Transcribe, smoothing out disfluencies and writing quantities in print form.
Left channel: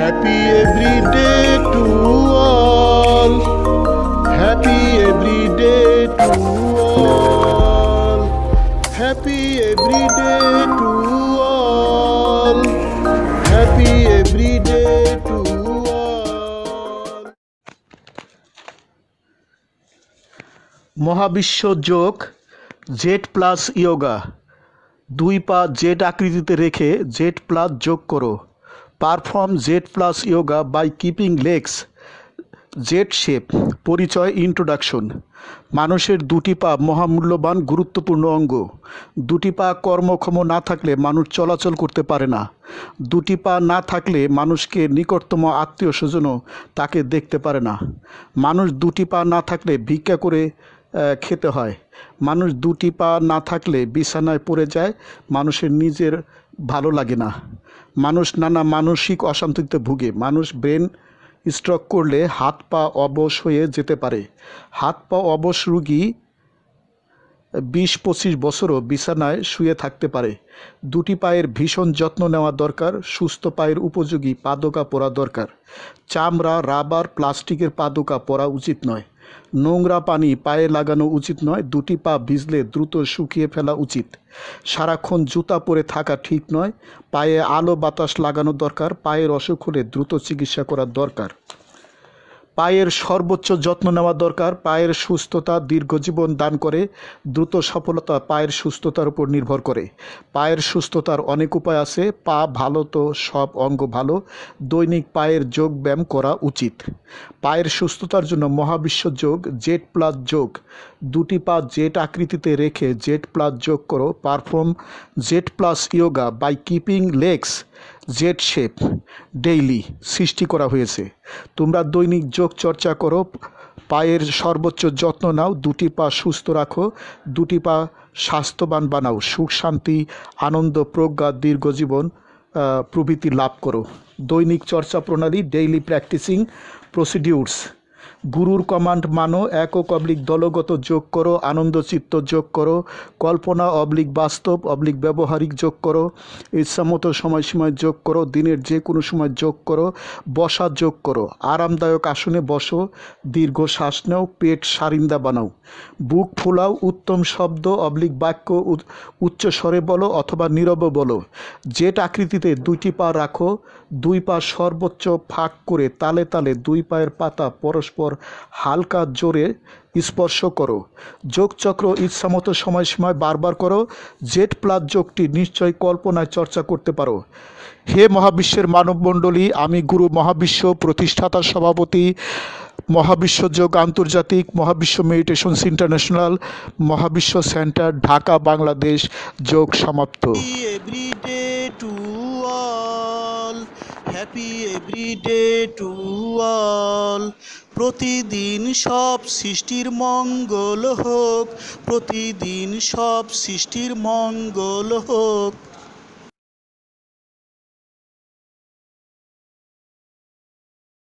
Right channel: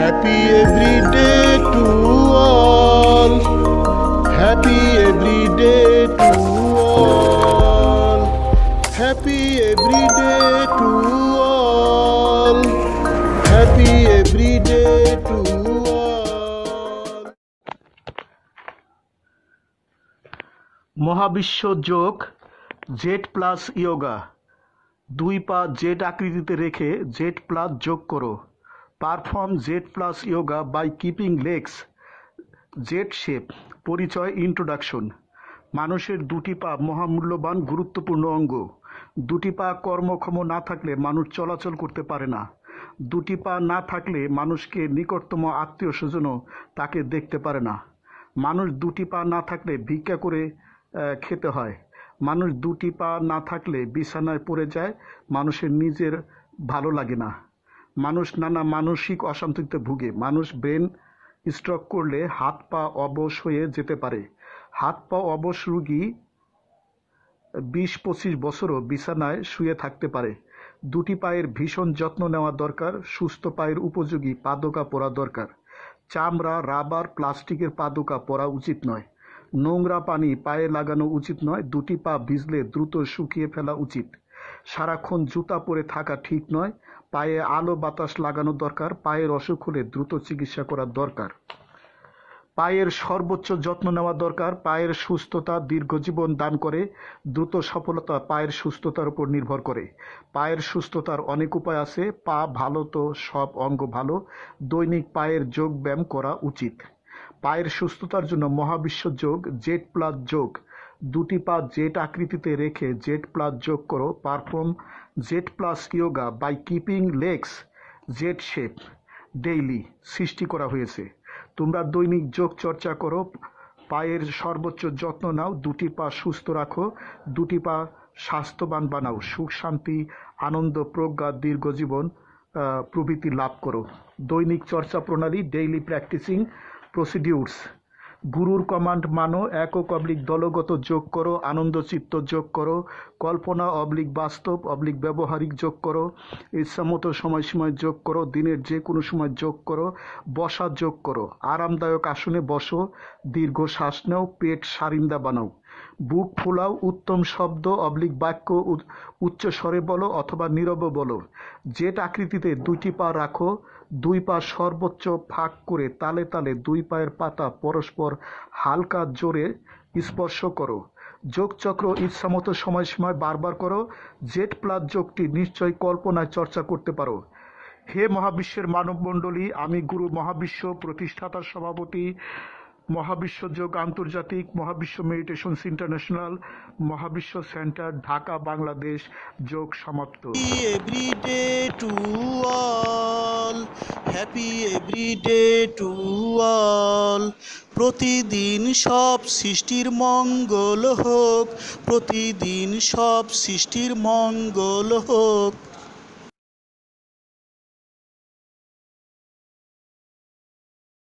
Happy every day to all. Happy every day to all. Happy every day to all. Happy every day to all. মহাবিশ্ব যোগ Z plus yoga. দুই পা Z আকৃতিতে রেখে Z plus যোগ করো। Perform Z plus yoga by keeping legs Z shape. পরিচয় introduction. মানুষের দুটি পা মহামূল্যবান গুরুত্বপূর্ণ অঙ্গ। দুটি পা কর্মক্ষম না থাকলে মানুষ চলাচল করতে পারে না। দুটি পা না থাকলে মানুষকে নিকটতম আত্মীয় স্বজনও তাকে দেখতে পারে না। মানুষ দুটি পা না থাকলে ভিক্ষা করে খেতে হয়। মানুষ দুটি পা না থাকলে বিছানায় পড়ে যায়, মানুষের নিজের ভালো লাগে না। মানুষ নানা মানসিক অশান্তিতে ভুগে। মানুষ ব্রেন স্ট্রোক করলে হাত পা অবশ হয়ে যেতে পারে। হাত পা অবশ রোগী 20-25 বছরও বিছানায় শুয়ে থাকতে পারে। দুটি পায়ের ভীষণ যত্ন নেওয়া দরকার। সুস্থ পায়ের উপযোগী পাদুকা পরা দরকার। চামড়া, রাবার, প্লাস্টিকের পাদুকা পরা উচিত নয়। নোংরা পানি পায়ে লাগানো উচিত নয়। দুটি পা ভিজলে দ্রুত শুকিয়ে ফেলা উচিত। সারাক্ষণ জুতা পরে থাকা ঠিক নয়। পায়ে আলো বাতাস লাগানো দরকার। পায়ের অসুখ হলে দ্রুত চিকিৎসা করা দরকার। পায়ের সর্বোচ্চ যত্ন নেওয়া দরকার। পায়ের সুস্থতা দীর্ঘজীবন দান করে। দ্রুত সফলতা পায়ের সুস্থতার উপর নির্ভর করে। পায়ের সুস্থতার অনেক উপায় আছে। পা ভালো তো সব অঙ্গ ভালো। দৈনিক পায়ের যোগ ব্যায়াম করা উচিত। পায়ের সুস্থতার জন্য মহাবিশ্ব যোগ জেড প্লাস যোগ। দুটি পা জেড আকৃতিতে রেখে জেড প্লাস যোগ করো। Perform Z plus yoga by keeping legs Z shape daily সৃষ্টি করা হয়েছে। তোমরা দৈনিক যোগ চর্চা করো। পায়ের সর্বোচ্চ যত্ন নাও। দুটি পা সুস্থ রাখো। দুটি পা স্বাস্থ্যবান বানাও। সুখ শান্তি আনন্দ প্রজ্ঞা দীর্ঘজীবন প্রভৃতি লাভ করো। দৈনিক চর্চা প্রণালী ডেইলি প্র্যাকটিসিং প্রসিডিউরস। গুরুর কমান্ড মানো। একক অবলিক দলগত যোগ করো। আনন্দচিত্ত যোগ করো। কল্পনা অবলিক বাস্তব অবলিক ব্যবহারিক যোগ করো। ইচ্ছামতো সময়সীমায় যোগ করো। দিনের যে কোনো সময় যোগ করো। বসা যোগ করো। আরামদায়ক আসনে বসো। দীর্ঘ শ্বাস নাও। পেট সারিন্দা বানাও। বুক ফুলাও। উত্তম শব্দ অবলিক বাক্য উচ্চ স্বরে বলো অথবা নীরবে বলো। জেড আকৃতিতে দুইটি পা রাখো। দুই পা সর্বোচ্চ ফাঁক করে তালে তালে দুই পায়ের পাতা পরস্পর হালকা জোরে স্পর্শ করো। যোগচক্র ইচ্ছামতো সময়সীমায় বারবার করো। জেড প্লাস যোগটি নিশ্চয় কল্পনায় চর্চা করতে পারো। হে মহাবিশ্বের মানবমণ্ডলী, আমি গুরু মহাবিশ্ব প্রতিষ্ঠাতা সভাপতি মহাবিশ্ব যোগ আন্তর্জাতিক, মহাবিশ্ব মেডিটেশনস ইন্টারন্যাশনাল, মহাবিশ্ব সেন্টার, ঢাকা, বাংলাদেশ। যোগ সমাপ্ত। Every day to all. Happy every day to all. প্রতিদিন সব সৃষ্টির মঙ্গল হোক। প্রতিদিন সব সৃষ্টির মঙ্গল হোক।